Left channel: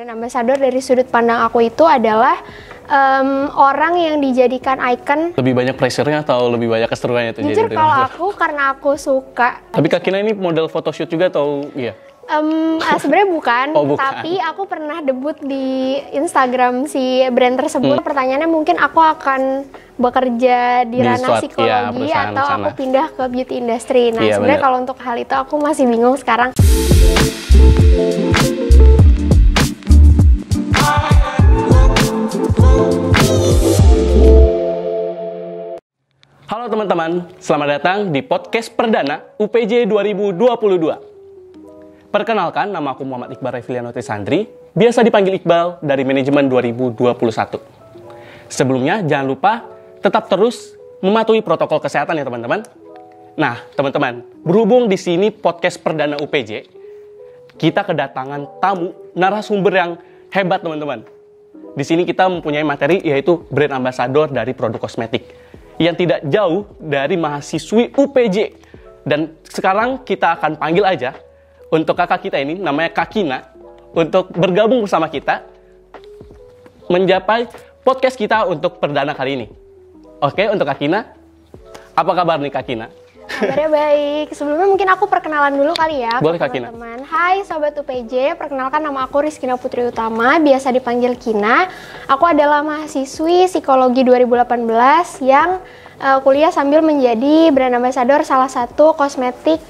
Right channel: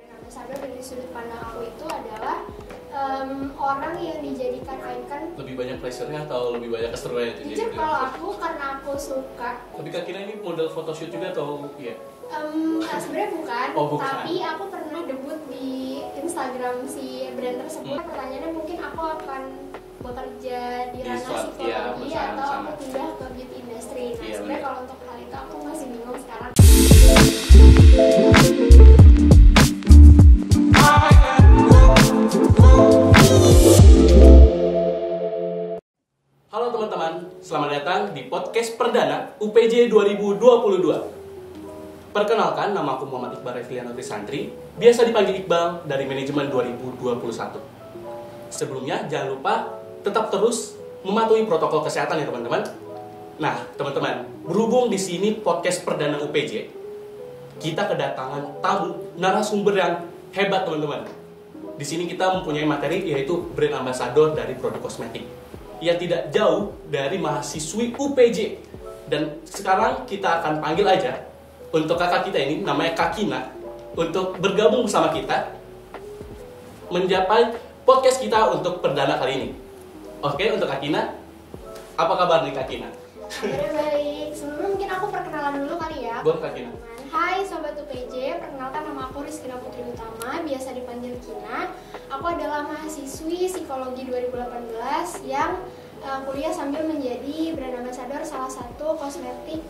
Brand ambassador dari sudut pandang aku itu adalah orang yang dijadikan icon. Lebih banyak pressure-nya atau lebih banyak keseruannya itu? Jujur kalau aku, karena aku suka. Tapi Kak Kina ini model photoshoot juga atau iya? Sebenarnya bukan, bukan, tapi aku pernah debut di Instagram si brand tersebut. Pertanyaannya mungkin aku akan bekerja di ranah psikologi atau aku pindah ke beauty industry. Nah, sebenarnya kalau untuk hal itu aku masih bingung sekarang. Halo teman-teman, selamat datang di podcast perdana UPJ 2022. Perkenalkan, nama aku Muhammad Iqbal Reviliano Trisandri, biasa dipanggil Iqbal dari manajemen 2021. Sebelumnya, jangan lupa tetap terus mematuhi protokol kesehatan ya teman-teman. Nah, teman-teman, berhubung di sini podcast perdana UPJ, kita kedatangan tamu narasumber yang hebat teman-teman. Di sini kita mempunyai materi yaitu brand ambassador dari produk kosmetik yang tidak jauh dari mahasiswi UPJ. Dan sekarang kita akan panggil aja untuk kakak kita ini, namanya Kak Kina, untuk bergabung bersama kita mencapai podcast kita untuk perdana kali ini. Oke, untuk Kak Kina, apa kabar nih Kak Kina? Kabarnya baik. Sebelumnya mungkin aku perkenalan dulu kali ya. Boleh Kak Kina. Hai Sobat UPJ, perkenalkan nama aku Rizkina Putri Utama, biasa dipanggil Kina. Aku adalah mahasiswi psikologi 2018 yang kuliah sambil menjadi brand ambassador salah satu kosmetik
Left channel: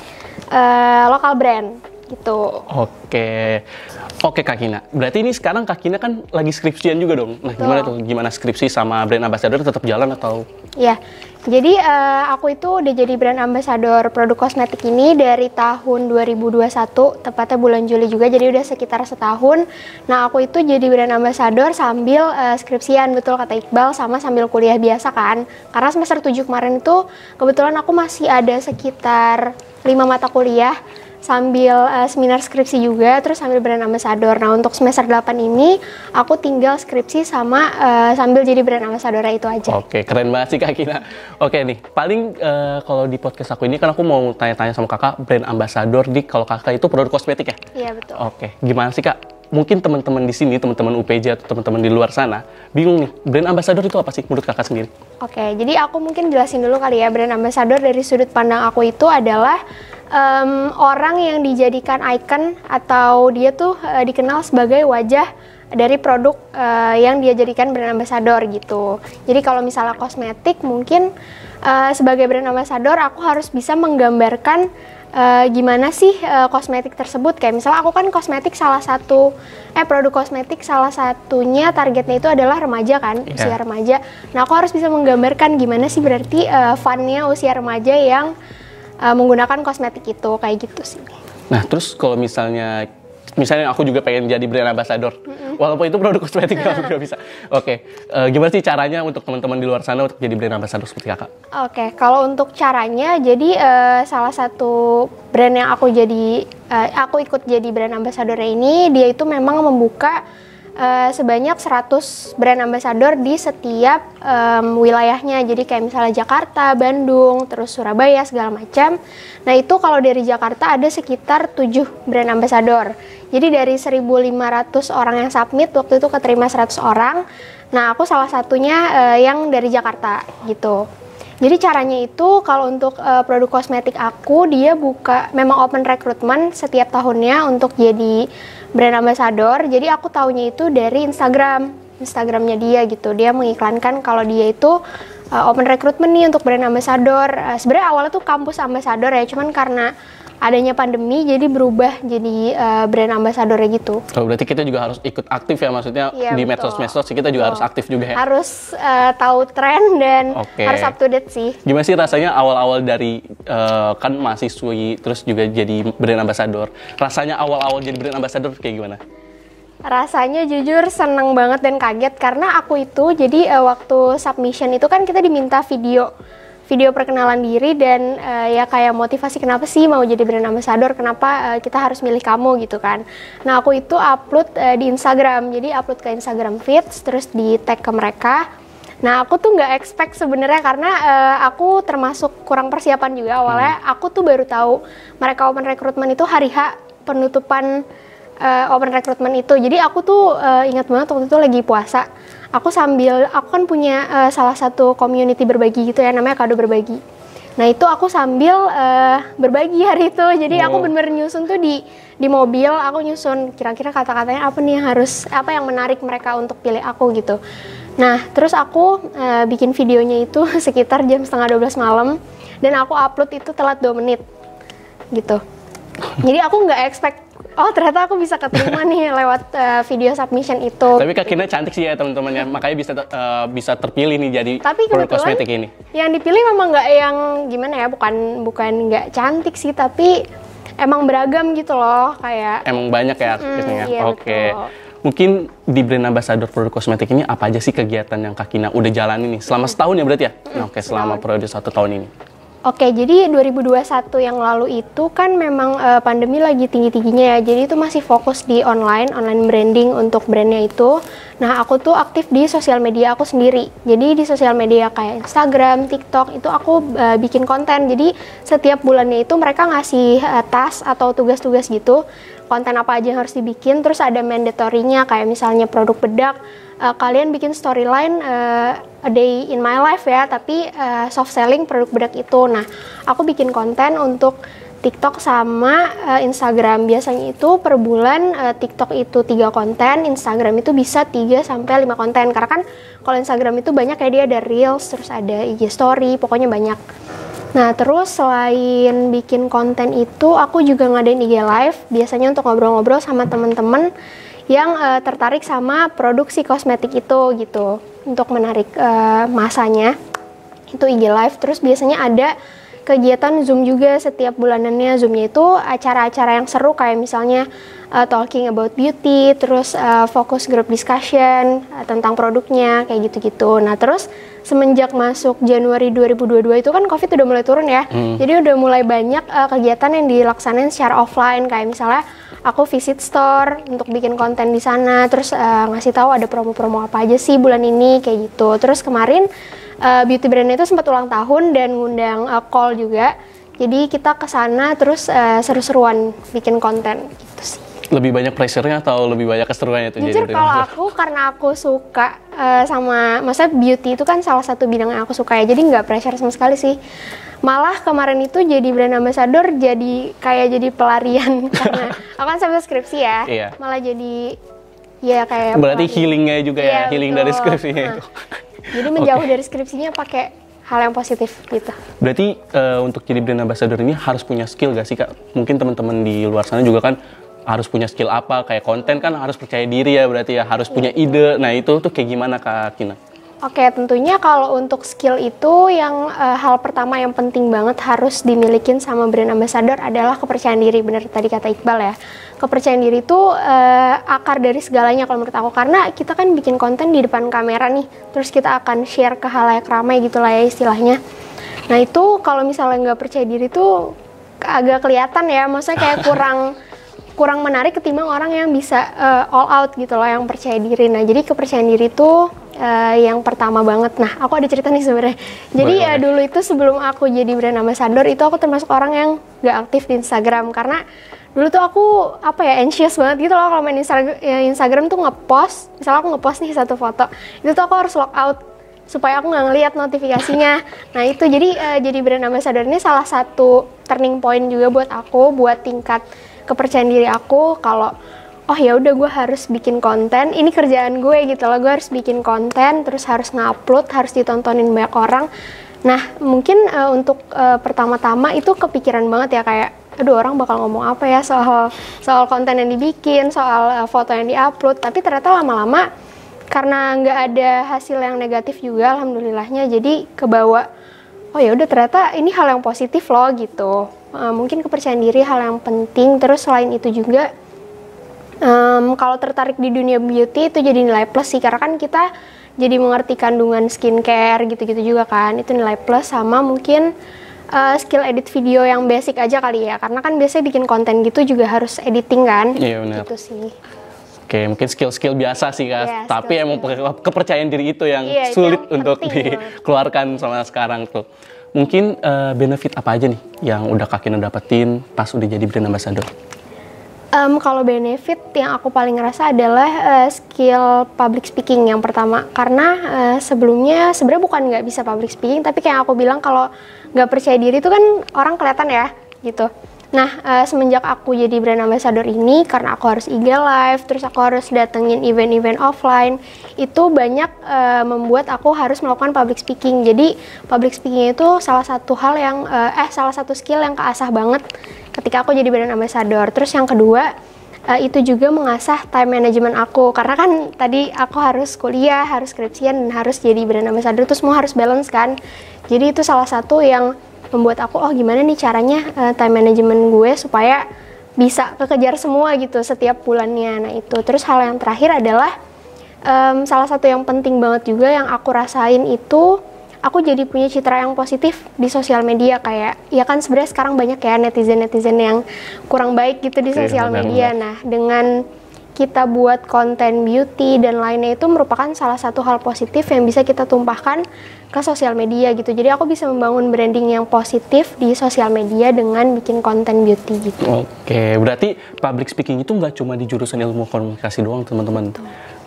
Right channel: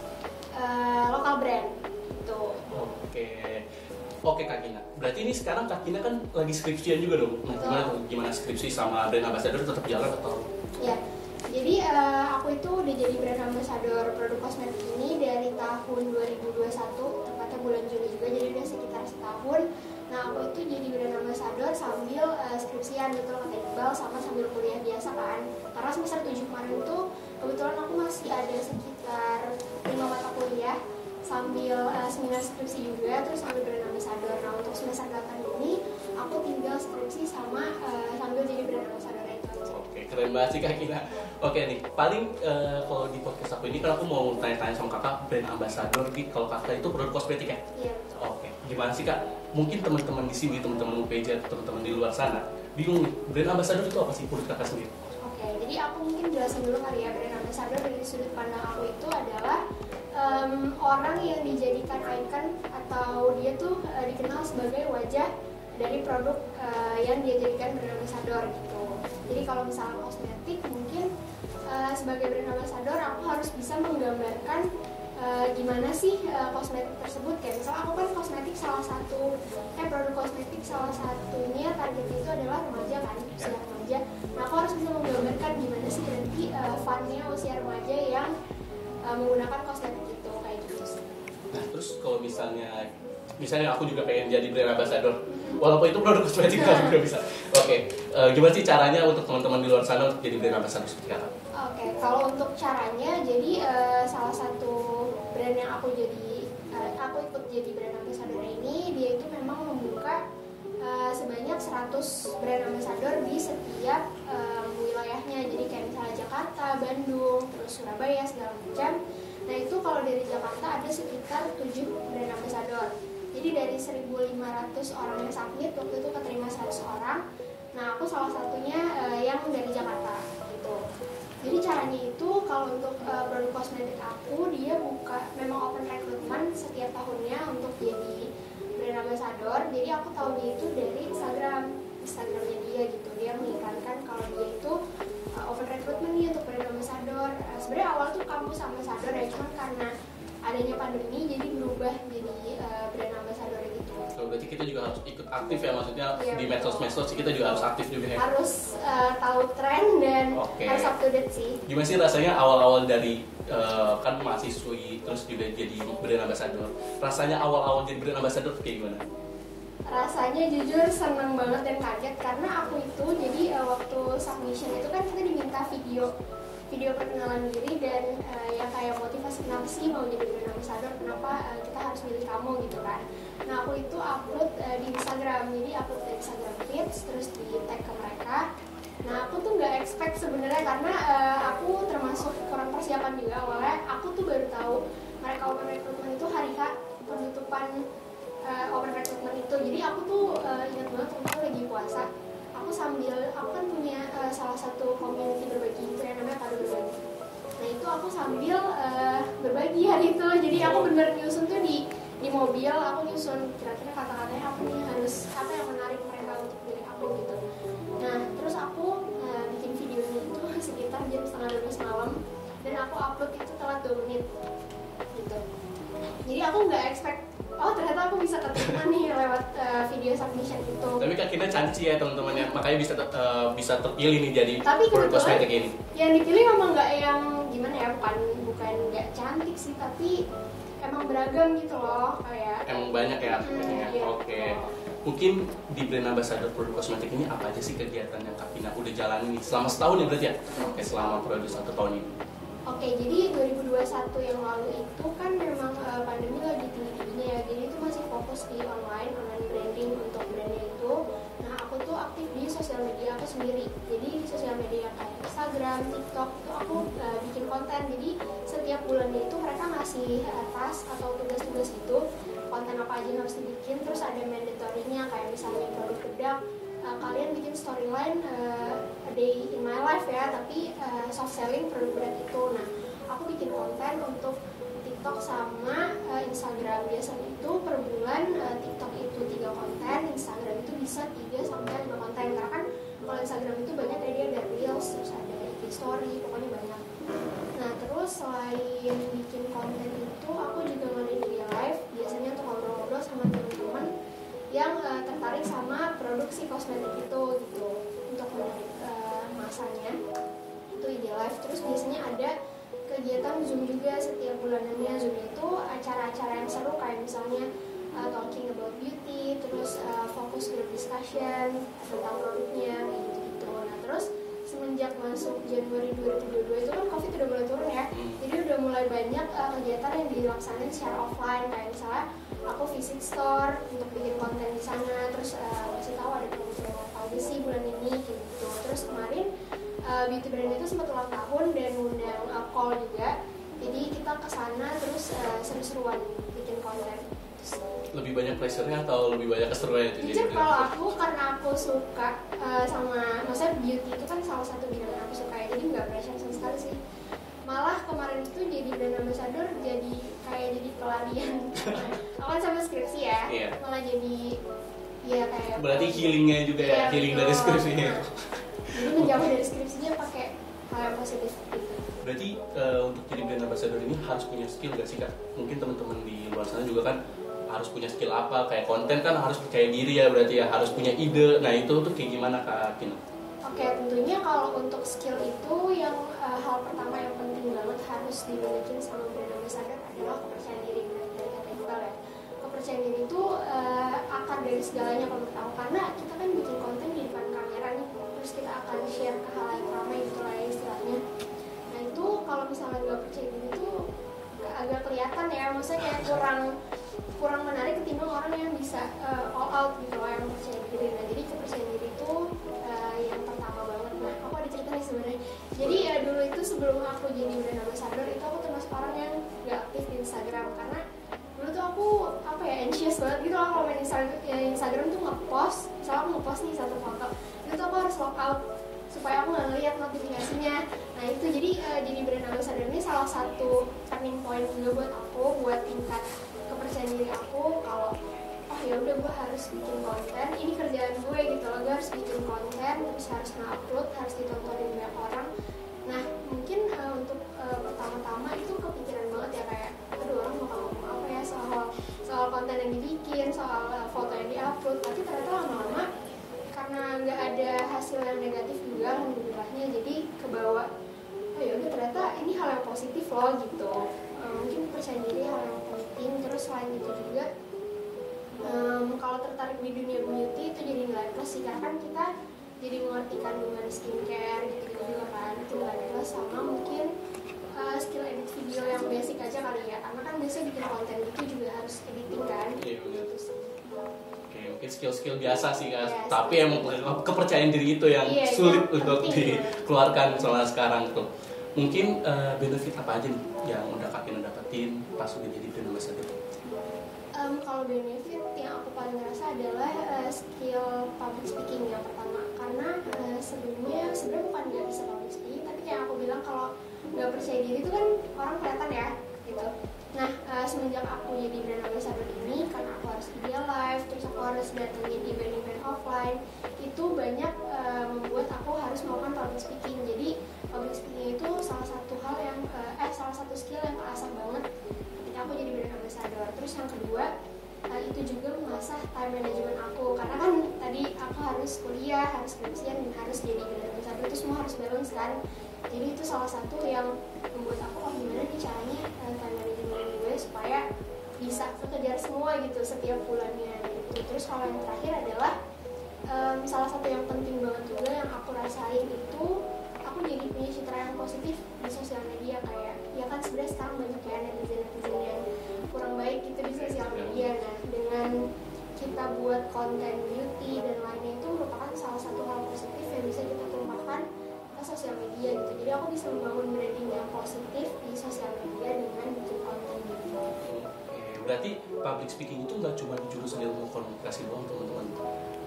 lokal brand gitu. Oke Kak Kina, berarti ini sekarang Kak Kina kan lagi skripsian juga dong. Nah, gimana tuh? Gimana skripsi sama brand ambassador tetap jalan atau? Iya, jadi aku itu udah jadi brand ambassador produk kosmetik ini dari tahun 2021, tepatnya bulan Juli juga, jadi udah sekitar setahun. Nah, aku itu jadi brand ambassador sambil skripsian, betul kata Iqbal, sama sambil kuliah biasa kan. Karena semester 7 kemarin itu kebetulan aku masih ada sekitar 5 mata kuliah, sambil seminar skripsi juga, terus sambil brand ambassador. Nah, untuk semester 8 ini aku tinggal skripsi sama sambil jadi brand ambassador itu aja. Oke, keren banget sih Kak Kina. Oke nih, paling kalau di podcast aku ini kan aku mau tanya-tanya sama kakak, brand ambassador di, kalau kakak itu produk kosmetik ya? Iya, betul. Oke, gimana sih Kak? Mungkin teman-teman di sini, teman-teman UPJ atau teman-teman di luar sana bingung nih, brand ambassador itu apa sih menurut kakak sendiri? Oke, jadi aku mungkin jelasin dulu kali ya. Brand ambassador dari sudut pandang aku itu adalah orang yang dijadikan icon atau dia tuh dikenal sebagai wajah dari produk yang dia jadikan brand ambassador gitu. Jadi kalau misalnya kosmetik, mungkin sebagai brand ambassador aku harus bisa menggambarkan gimana sih kosmetik tersebut. Kayak misalnya aku kan kosmetik produk kosmetik salah satunya targetnya itu adalah remaja kan, usia remaja. Nah, aku harus bisa menggambarkan gimana sih berarti fun-nya usia remaja yang menggunakan kosmetik itu, kayak gitu sih. Nah, terus kalau misalnya aku juga pengen jadi brand ambassador, walaupun itu produk kosmetik kalau juga bisa. Oke, gimana sih caranya untuk teman-teman di luar sana untuk jadi brand ambassador seperti kakak? Oke, kalau untuk caranya, jadi salah satu brand yang aku ikut jadi brand ambassador ini, dia itu memang membuka sebanyak 100 brand ambassador di setiap wilayahnya. Jadi kayak misalnya Jakarta, Bandung, terus Surabaya, segala macam. Nah, itu kalau dari Jakarta ada sekitar 7 brand ambassador. Jadi dari 1.500 orang yang submit, waktu itu keterima 100 orang. Nah, aku salah satunya yang dari Jakarta gitu. Jadi caranya itu kalau untuk produk kosmetik aku, dia memang open recruitment setiap tahunnya untuk jadi brand ambassador. Jadi aku taunya itu dari Instagramnya dia gitu. Dia mengiklankan kalau dia itu open recruitment nih untuk brand ambassador. Sebenarnya awalnya tuh kampus ambassador ya, cuman karena adanya pandemi jadi berubah jadi brand ambassador gitu. Oh, berarti kita juga harus ikut aktif ya, maksudnya di medsos-medsos kita juga harus aktif juga ya. Harus tahu tren dan harus up to date sih. Gimana sih rasanya awal-awal dari kan mahasiswi terus juga jadi brand ambassador? Rasanya awal-awal jadi brand ambassador kayak gimana? Rasanya jujur seneng banget dan kaget karena aku itu jadi waktu submission itu kan kita diminta video perkenalan diri dan ya kayak motivasi kenapa sih mau jadi brand ambassador, kenapa kita harus milih kamu gitu kan. Nah, aku itu upload di Instagram, jadi upload ke Instagram feeds, terus di tag ke mereka. Nah, aku tuh nggak expect sebenarnya karena aku termasuk kurang persiapan juga awalnya. Aku tuh baru tahu mereka open recruitment itu hari H penutupan open recruitment itu. Jadi aku tuh ingat banget waktu itu lagi puasa. Aku kan punya salah satu community berbagi gitu ya, namanya Kado Berbagi. Nah itu aku sambil berbagi hari itu. Jadi aku bener-bener nyusun tuh di mobil, aku nyusun kira-kira kata-katanya apa nih apa yang menarik mereka untuk pilih aku gitu. Nah terus aku bikin videonya itu sekitar jam 11:30 malam dan aku upload itu telat 2 menit gitu. Jadi aku nggak expect, oh ternyata aku bisa keterima nih lewat video submission itu. Tapi Kak Kina cantik sih ya teman-teman ya, makanya bisa terpilih nih jadi produk kosmetik ini. Yang dipilih memang nggak yang gimana ya, bukan nggak cantik sih, tapi emang beragam gitu loh, kayak. Emang banyak ya artisnya. Iya, Oke. betul. Mungkin di brand ambassador produk kosmetik ini apa aja sih kegiatan yang Kak Kina udah jalani nih selama setahun ya berarti ya? Oke, selama periode 1 tahun ini. Oke, jadi 2021 yang lalu itu kan memang pandemi lagi tinggi-tingginya ya. Jadi itu masih fokus di online branding untuk brandnya itu. Nah, aku tuh aktif di sosial media aku sendiri. Jadi di sosial media kayak Instagram, TikTok itu aku bikin konten. Jadi setiap bulannya itu mereka ngasih task atau tugas-tugas gitu. Konten apa aja yang harus dibikin, terus ada mandatory-nya kayak misalnya produk bedak. Kalian bikin storyline a day in my life ya, tapi soft selling produk bedak itu. Nah, aku bikin konten untuk TikTok sama Instagram. Biasanya itu per bulan TikTok itu 3 konten, Instagram itu bisa 3-5 konten. Karena kan kalau Instagram itu banyak ya, dia ada Reels, terus ada IG Story, pokoknya banyak. Nah, terus selain bikin konten itu, aku juga ngadain IG Live, biasanya untuk ngobrol-ngobrol sama temen-temen yang tertarik sama produksi kosmetik itu gitu, untuk menarik masanya. Itu IG Live. Terus biasanya ada kegiatan Zoom juga setiap bulanannya. Zoomnya itu acara-acara yang seru kayak misalnya talking about beauty, terus focus group discussion tentang produknya, kayak gitu-gitu. Nah terus semenjak masuk Januari 2022 itu kan COVID udah mulai turun ya. Jadi udah mulai banyak kegiatan yang dilaksanain secara offline, kayak misalnya aku visit store untuk bikin konten di sana, terus ngasih tahu ada promo-promo apa aja sih bulan ini, kayak gitu. Terus kemarin beauty brand itu sempat ulang tahun dan ngundang call juga. Jadi kita ke sana terus seru-seruan bikin konten gitu sih. Lebih banyak pressure-nya atau lebih banyak keseruannya itu? Jujur kalau aku, karena aku suka maksudnya beauty itu kan salah satu bidang yang aku suka ya, jadi nggak pressure sama sekali sih. Malah kemarin itu jadi brand ambassador jadi pelarian karena aku kan sambil skripsi ya. Iya. Malah jadi ya kayak berarti healingnya juga ya, healing betul. dari skripsinya itu. Jadi menjauh dari skripsinya pakai hal yang positif gitu. Berarti untuk jadi brand ambassador ini harus punya skill gak sih Kak? Mungkin teman-teman di luar sana juga kan harus punya skill apa, kayak konten kan harus percaya diri ya, berarti ya harus punya ide. Nah itu tuh kayak gimana Kak Kina? Oke, tentunya kalau untuk skill itu yang hal pertama yang penting banget harus dimilikin sama brand ambassador adalah kepercayaan diri. Bener tadi kata Iqbal ya, kepercayaan diri itu akar dari segalanya kalau menurut aku, karena kita kan bikin konten di depan kamera nih, terus kita akan share ke halayak ramai gitu lah ya istilahnya. Nah itu kalau misalnya nggak percaya diri tuh agak kelihatan ya, maksudnya kayak kurang menarik ketimbang orang yang bisa all out gitu loh, yang percaya diri. Nah jadi kepercayaan diri itu yang pertama banget. Nah aku ada cerita nih sebenarnya. Jadi dulu itu sebelum aku jadi brand ambassador itu aku termasuk orang yang gak aktif di Instagram, karena dulu tuh aku anxious banget gitu loh kalau main Instagram tuh ngepost. Misalnya aku ngepost nih satu foto, itu tuh aku harus log out supaya aku nggak ngeliat notifikasinya. Nah itu jadi brand ambassador ini salah satu turning point juga buat aku, buat tingkat kepercayaan diri aku kalau oh ya udah gue harus bikin konten, ini kerjaan gue gitu loh, gue harus bikin konten, terus harus ngupload, harus ditontonin banyak orang. Nah mungkin untuk pertama-tama itu kepikiran banget ya, kayak aduh orang bakal ngomong apa ya soal konten yang dibikin, soal foto yang diupload. Tapi ternyata lama-lama karena nggak ada hasil yang negatif juga alhamdulillahnya, jadi kebawa oh ya udah ternyata ini hal yang positif loh gitu. Mungkin kepercayaan diri hal yang penting. Terus selain itu juga kalau tertarik di dunia beauty itu jadi nilai plus sih, karena kan kita jadi mengerti kandungan skincare gitu-gitu juga kan, itu nilai plus. Sama mungkin skill edit video yang basic aja kali ya, karena kan biasanya bikin konten gitu juga harus editing kan. Iya benar. Gitu sih. Oke, mungkin skill-skill biasa sih Kak, Yes, tapi emang kepercayaan diri itu yang sulit yang untuk dikeluarkan sama sekarang tuh. Mungkin benefit apa aja nih yang udah Kak Kina dapetin pas udah jadi brand ambassador? Kalau benefit yang aku paling ngerasa adalah skill public speaking yang pertama, karena sebelumnya sebenarnya bukan nggak bisa public speaking, tapi kayak aku bilang kalau nggak percaya diri itu kan orang kelihatan ya gitu. Nah, semenjak aku jadi brand ambassador ini, karena aku harus IG live, terus aku harus datengin event-event offline, itu banyak membuat aku harus melakukan public speaking. Jadi public speaking itu salah satu hal yang salah satu skill yang keasah banget ketika aku jadi brand ambassador. Terus yang kedua, itu juga mengasah time management aku, karena kan tadi aku harus kuliah, harus skripsian, dan harus jadi brand ambassador, itu semua harus balance kan. Jadi itu salah satu yang membuat aku, oh gimana nih caranya time management gue supaya bisa kekejar semua gitu setiap bulannya. Nah itu, terus hal yang terakhir adalah salah satu yang penting banget juga yang aku rasain itu, aku jadi punya citra yang positif di sosial media. Kayak, ya kan sebenarnya sekarang banyak ya netizen-netizen yang kurang baik gitu di sosial media. Nah, dengan kita buat konten beauty dan lainnya itu merupakan salah satu hal positif yang bisa kita tumpahkan ke sosial media gitu. Jadi aku bisa membangun branding yang positif di sosial media dengan bikin konten beauty gitu. Oke, berarti public speaking itu nggak cuma di jurusan ilmu komunikasi doang, teman-teman.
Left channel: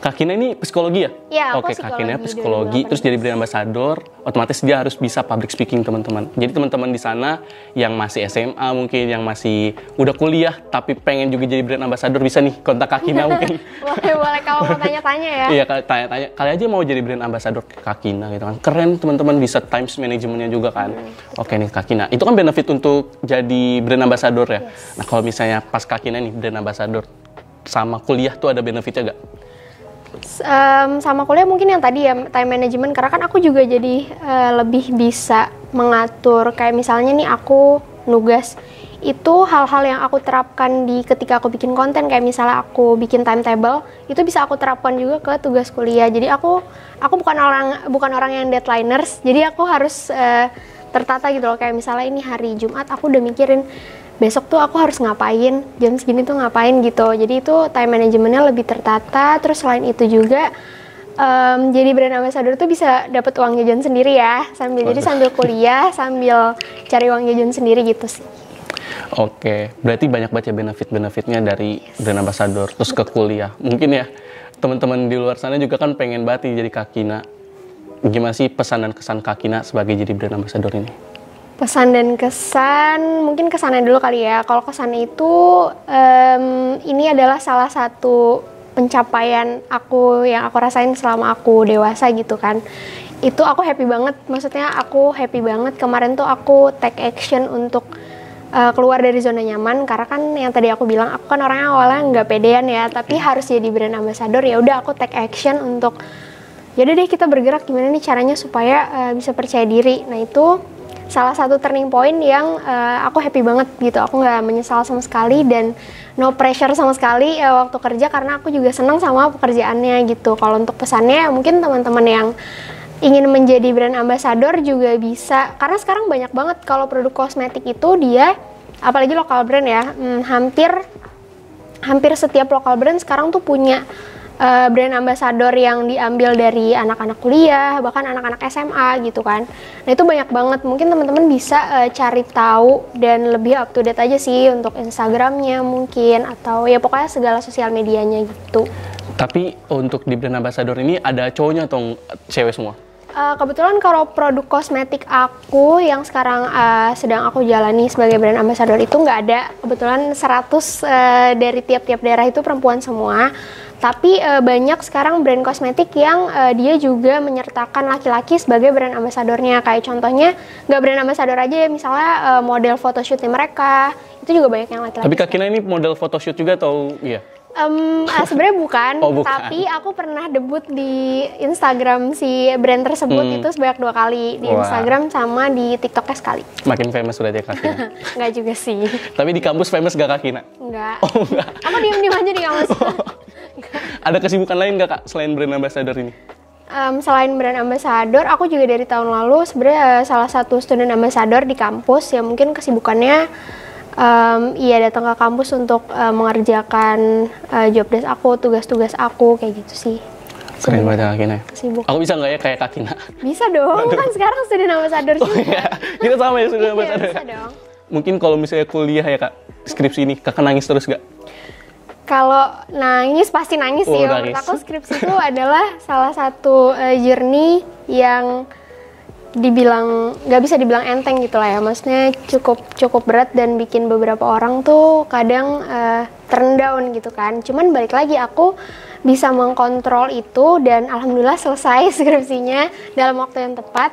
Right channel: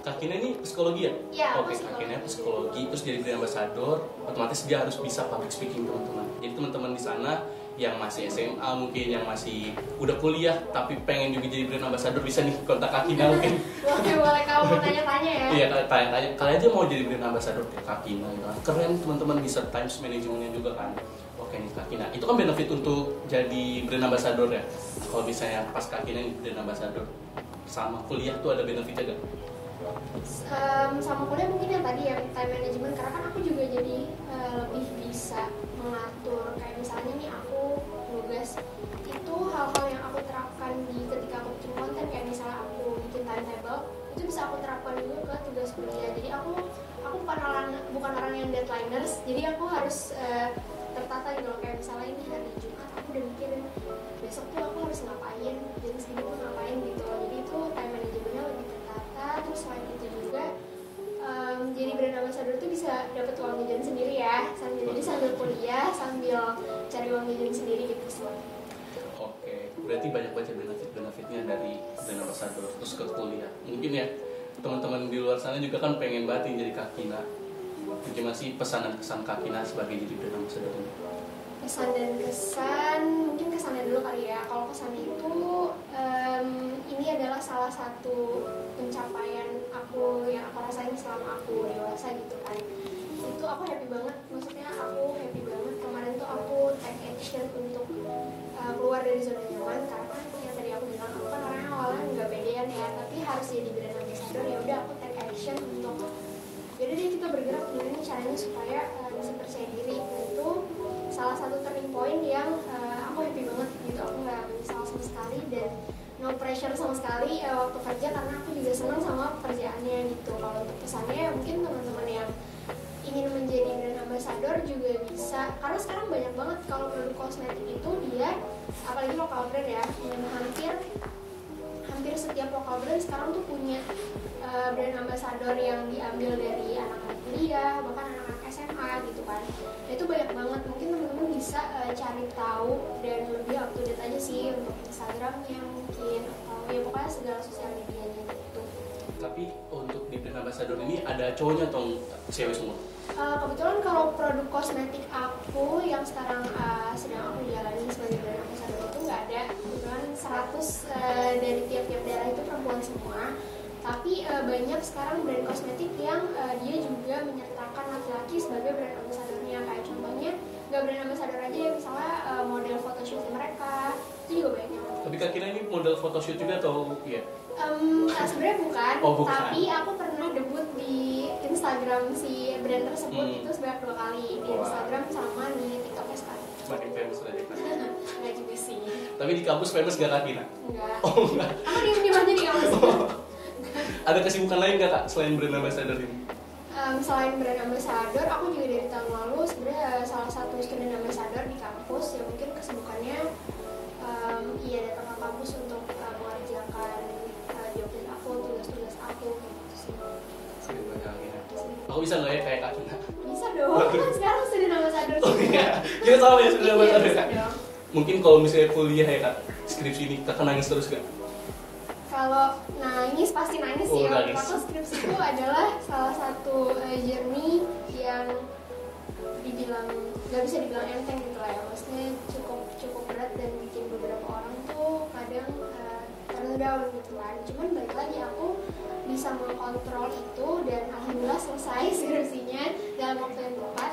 Kak Kina ini psikologi ya? Iya, aku Oke, Kak Kina psikologi, terus jadi brand ambassador, otomatis dia harus bisa public speaking, teman-teman. Jadi teman-teman di sana yang masih SMA mungkin, yang masih udah kuliah tapi pengen juga jadi brand ambassador, bisa nih kontak Kak Kina mungkin. Boleh kamu mau tanya-tanya ya? Iya, tanya-tanya. Kali aja mau jadi brand ambassador Kak Kina gitu kan. Keren teman-teman, bisa times manajemennya juga kan. Oke nih Kak Kina, itu kan benefit untuk jadi brand ambassador ya. Nah kalau misalnya pas Kak Kina nih brand ambassador, sama kuliah tuh ada benefitnya gak? Sama kuliah mungkin yang tadi ya, time management, karena kan aku juga jadi lebih bisa mengatur, kayak misalnya nih aku nugas, itu hal-hal yang aku terapkan di ketika aku bikin konten, kayak misalnya aku bikin timetable, itu bisa aku terapkan juga ke tugas kuliah. Jadi aku bukan orang yang deadliners, jadi aku harus tertata gitu loh. Kayak misalnya ini hari Jumat, aku udah mikirin besok tuh aku harus ngapain, jam segini tuh ngapain gitu. Jadi itu time manajemennya lebih tertata. Terus selain itu juga jadi brand ambassador tuh bisa dapat uang jajan sendiri ya, jadi sambil kuliah sambil cari uang jajan sendiri gitu sih. Oke, berarti banyak baca benefit-benefitnya dari brand ambassador. Terus ke kuliah, mungkin ya teman-teman di luar sana juga kan pengen banget jadi Kak Kina. Gimana sih pesan dan kesan Kak Kina sebagai jadi brand ambassador ini? Pesan dan kesan, mungkin kesannya dulu kali ya. Kalau kesannya itu, ini adalah salah satu pencapaian aku yang aku rasain selama aku dewasa gitu kan. Itu aku happy banget, maksudnya aku happy banget. Kemarin tuh aku take action untuk keluar dari zona nyaman, karena kan yang tadi aku bilang, aku kan orangnya awalnya nggak pedean ya, tapi harus jadi brand ambassador, ya udah aku take action untuk, yaudah deh kita bergerak gimana nih caranya supaya bisa percaya diri. Nah itu salah satu turning point yang aku happy banget gitu. Aku nggak menyesal sama sekali dan no pressure sama sekali waktu kerja, karena aku juga senang sama pekerjaannya gitu. Kalau untuk pesannya mungkin teman-teman yang ingin menjadi brand ambassador juga bisa, karena sekarang banyak banget kalau produk kosmetik itu dia, apalagi lokal brand ya, hampir setiap lokal brand sekarang tuh punya brand ambassador yang diambil dari anak-anak kuliah, bahkan anak-anak SMA gitu kan. Nah itu banyak banget, mungkin teman-teman bisa cari tahu dan lebih up to date aja sih untuk Instagramnya mungkin, atau ya pokoknya segala sosial medianya gitu. Tapi untuk di brand ambassador ini ada cowoknya atau cewek semua? Kebetulan kalau produk kosmetik aku yang sekarang sedang aku jalani sebagai brand ambassador itu nggak ada. Kebetulan 100 dari tiap-tiap daerah itu perempuan semua. Tapi banyak sekarang brand kosmetik yang dia juga menyertakan laki-laki sebagai brand ambasadornya. Kayak contohnya nggak brand ambasador aja ya, misalnya model photoshootnya mereka, itu juga banyak yang laki-laki. Tapi Kak Kina ini model photoshoot juga atau iya? Sebenarnya bukan, bukan, tapi aku pernah debut di Instagram si brand tersebut itu sebanyak 2 kali, di Instagram sama di TikToknya sekali. Makin famous sudah dia Kak Kina. Enggak juga sih. Tapi di kampus famous gak Kak Kina? Enggak. Oh enggak. Aku diem-diem aja di kampus. Ada kesibukan lain gak Kak selain brand ambassador ini? Selain brand ambassador, aku juga dari tahun lalu sebenarnya salah satu student ambassador di kampus, ya mungkin kesibukannya datang ke kampus untuk mengerjakan job desk aku, tugas-tugas aku, kayak gitu sih. Keren banget Kak Kina. Sibuk. Aku bisa nggak ya kayak Kak Kina? Bisa dong, kan sekarang student ambassador juga. Oh iya, kita sama ya student ambassador. Bisa dong. Mungkin kalau misalnya kuliah ya Kak, skripsi ini Kakak nangis terus gak? Kalau nangis pasti nangis sih. Menurut aku skripsi itu adalah salah satu journey yang nggak bisa dibilang enteng gitu lah ya. Maksudnya cukup berat dan bikin beberapa orang tuh kadang turn down gitu kan. Cuman balik lagi aku bisa mengkontrol itu dan alhamdulillah selesai skripsinya dalam waktu yang tepat.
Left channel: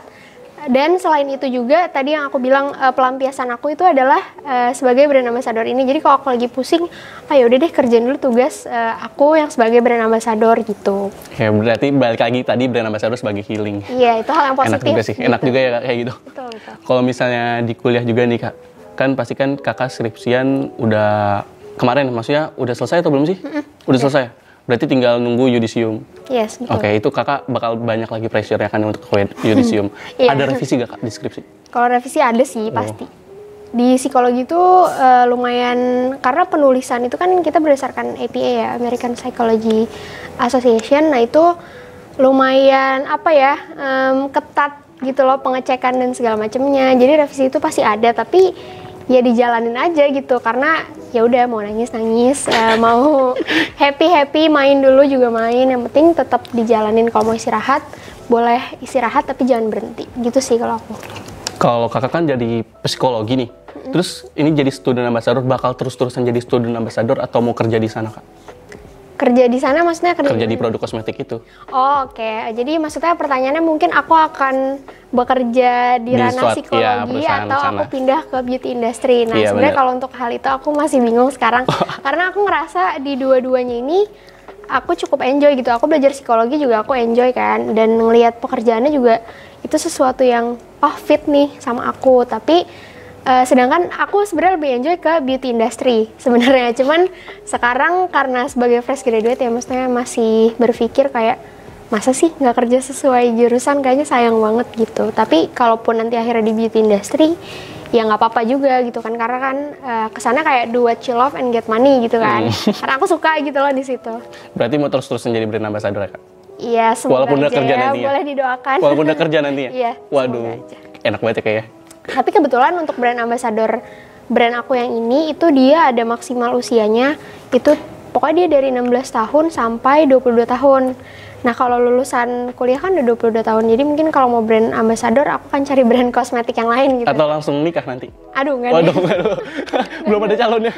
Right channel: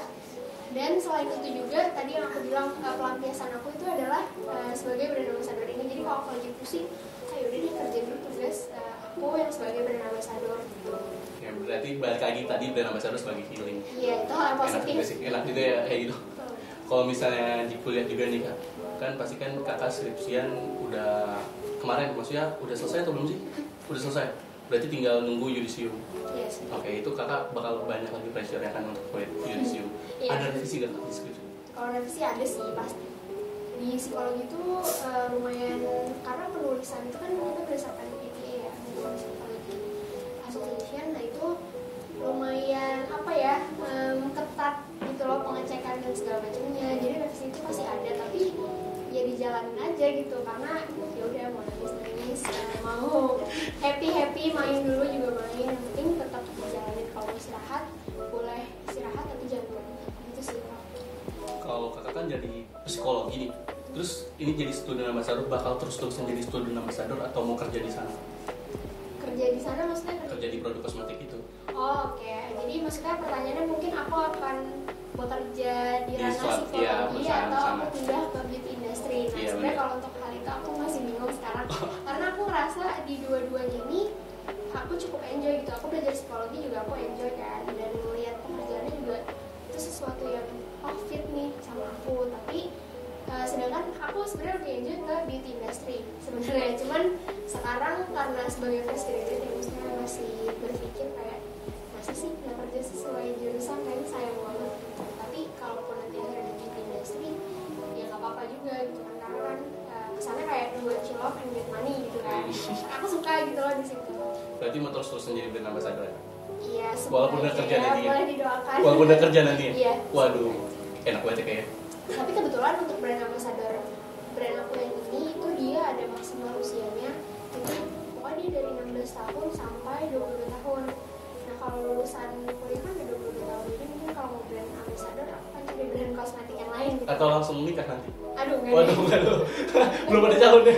Dan selain itu juga tadi yang aku bilang pelampiasan aku itu adalah sebagai brand ambassador ini. Jadi kalau aku lagi pusing, ayo udah deh kerjain dulu tugas aku yang sebagai brand ambassador gitu. Ya berarti balik lagi tadi brand ambassador sebagai healing. Iya, itu hal yang positif. Enak juga sih, gitu. Enak juga ya kayak gitu. Betul. Kalau misalnya di kuliah juga nih Kak, kan pasti kan kakak skripsian udah kemarin, maksudnya udah selesai atau belum sih? Udah selesai. Berarti tinggal nunggu yudisium. Yes, betul. Oke, itu kakak bakal banyak lagi pressure ya kan untuk yudisium. Iya. Ada revisi gak Kak di skripsi? Kalau revisi ada sih pasti. Di psikologi itu lumayan, karena penulisan itu kan kita berdasarkan APA ya, American Psychology Association. Nah itu lumayan ketat gitu loh pengecekan dan segala macamnya. Jadi revisi itu pasti ada, tapi ya dijalanin aja gitu, karena ya udah mau nangis mau happy main dulu juga main, yang penting tetap dijalanin. Kalau mau istirahat boleh istirahat tapi jangan berhenti gitu sih kalau aku. Kalau kakak kan jadi psikologi nih, terus ini jadi student ambassador, bakal terus-terusan jadi student ambassador atau mau kerja di sana Kak? Kerja di sana maksudnya kerja di produk kosmetik itu. Oh, oke. Jadi maksudnya pertanyaannya mungkin aku akan bekerja di ranah psikologi atau aku pindah ke beauty industry. Nah, sebenarnya kalau untuk hal itu aku masih bingung sekarang. Karena aku ngerasa di dua-duanya ini aku cukup enjoy gitu. Aku belajar psikologi juga aku enjoy kan, dan ngelihat pekerjaannya juga itu sesuatu yang fit nih sama aku. Tapi sedangkan aku sebenarnya lebih enjoy ke beauty industry sebenarnya. Cuman sekarang karena sebagai fresh graduate ya, maksudnya masih berpikir kayak masa sih nggak kerja sesuai jurusan, kayaknya sayang banget gitu. Tapi kalaupun nanti akhirnya di beauty industry ya nggak apa-apa juga gitu kan, karena kan kesana kayak do what you love and get money gitu kan. Karena aku suka gitu loh di situ. Berarti mau terus-terusan jadi brand ambassador ya Kak? Iya, semoga aja ya, boleh didoakan. Walaupun udah kerja nanti ya? Iya. Waduh, enak banget ya kayaknya. Tapi kebetulan untuk brand ambassador brand aku yang ini itu dia ada maksimal usianya, itu pokoknya dia dari 16 tahun sampai 22 tahun. Nah kalau lulusan kuliah kan udah 22 tahun, jadi mungkin kalau mau brand ambassador aku kan cari brand kosmetik yang lain gitu. Atau langsung nikah nanti? Aduh, nggak ada. Belum ada calon ya?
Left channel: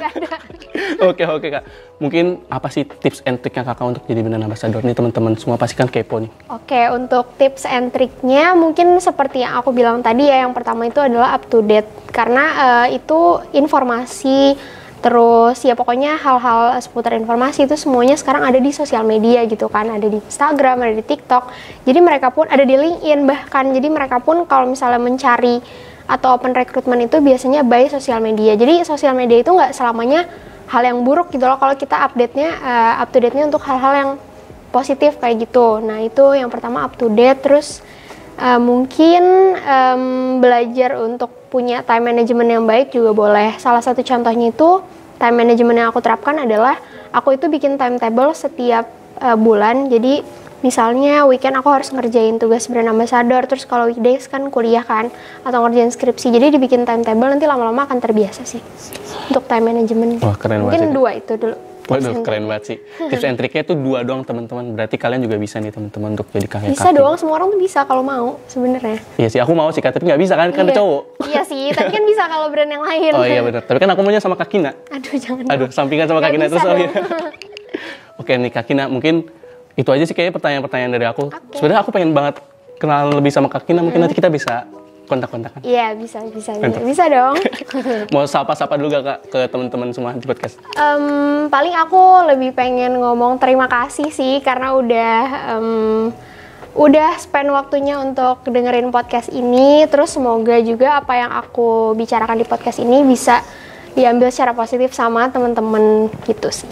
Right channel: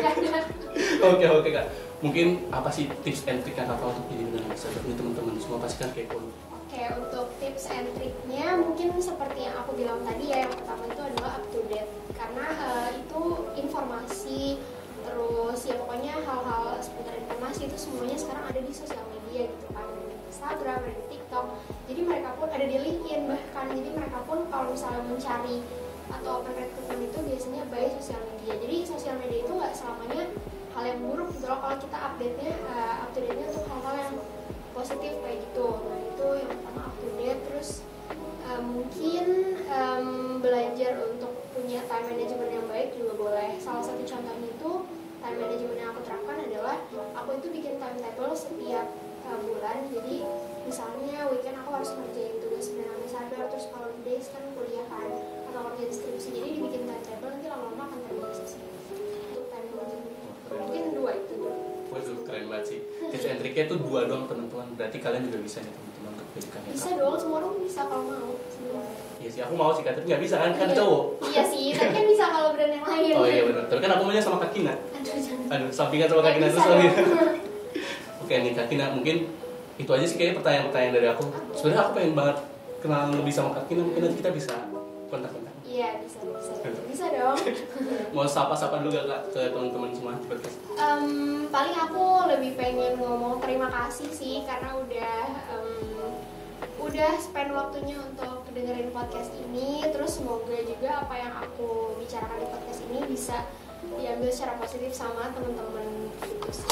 Oke Kak, mungkin apa sih tips and trick yang Kakak untuk jadi brand ambassador? Nih teman-teman semua pasti kan kepo nih. Oke, untuk tips and tricknya mungkin seperti yang aku bilang tadi ya, yang pertama itu adalah up to date. Karena itu informasi, terus ya pokoknya hal-hal seputar informasi itu semuanya sekarang ada di sosial media gitu kan, ada di Instagram, ada di TikTok. Jadi mereka pun ada di LinkedIn bahkan. Jadi mereka pun kalau misalnya mencari atau open recruitment itu biasanya by sosial media. Jadi sosial media itu nggak selamanya hal yang buruk gitu loh, kalau kita update-nya up to date-nya untuk hal-hal yang positif kayak gitu. Nah itu yang pertama, up to date. Terus mungkin belajar untuk punya time management yang baik juga boleh. Salah satu contohnya itu time management yang aku terapkan adalah aku itu bikin timetable setiap bulan. Jadi misalnya weekend aku harus ngerjain tugas brand ambassador, terus kalau weekdays kan kuliah kan, atau ngerjain skripsi. Jadi dibikin timetable, nanti lama-lama akan terbiasa sih untuk time management. Wah, keren mungkin banget. 2 itu dulu. Waduh, keren banget sih. Tips and triknya tuh 2 doang teman-teman. Berarti kalian juga bisa nih teman-teman untuk jadi kayak Bisa doang, semua orang tuh bisa kalau mau sebenarnya. Iya sih, aku mau sih Kak, tapi nggak bisa kan, karena cowok. Iya sih, tapi kan bisa kalau brand yang lain. Oh iya benar, tapi kan aku maunya sama Kak Kina. Aduh, jangan. Aduh, sampingan sama Kak Kina terus. Oke nih Kak Kina, mungkin itu aja sih kayaknya pertanyaan-pertanyaan dari aku. Sebenarnya aku pengen banget kenalan lebih sama Kak Kina, mungkin nanti kita bisa kontak-kontakan. Iya, bisa dong. Mau sapa-sapa dulu gak Kak ke teman-teman semua di podcast? Paling aku lebih pengen ngomong terima kasih sih, karena udah spend waktunya untuk dengerin podcast ini. Terus semoga juga apa yang aku bicarakan di podcast ini bisa diambil secara positif sama teman-teman gitu sih.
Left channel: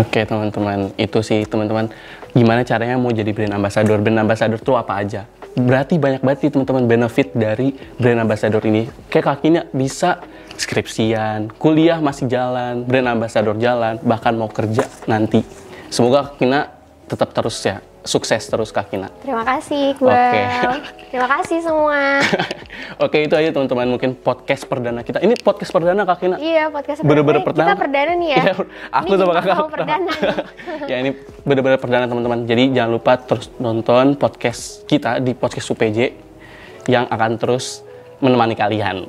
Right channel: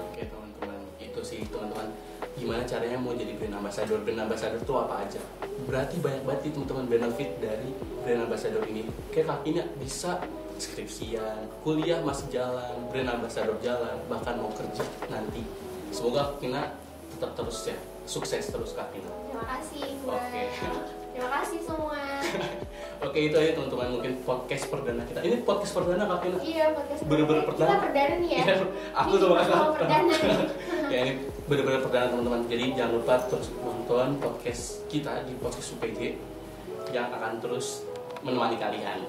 Oke teman-teman, itu sih teman-teman, gimana caranya mau jadi brand ambassador. Brand ambassador tuh apa aja? Berarti banyak banget nih teman-teman benefit dari brand ambassador ini. Kayak Kak Kina bisa skripsian, kuliah masih jalan, brand ambassador jalan, bahkan mau kerja nanti. Semoga Kak Kina tetap terus ya, sukses terus Kak Vina. Terima kasih, Iqbal. Terima kasih semua. Oke, itu aja teman-teman, mungkin podcast perdana kita. Ini podcast perdana Kak Vina? Iya, podcast Bener-bener perdana. Kita perdana nih ya. Iya, aku ini sama kakak. Perdana. Ya, ini bener-bener perdana teman-teman. Jadi jangan lupa terus nonton podcast kita di podcast UPJ yang akan terus menemani kalian.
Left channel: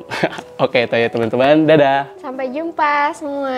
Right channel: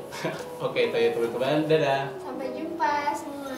Oke, itu ya teman-teman. Dadah. Sampai jumpa semua.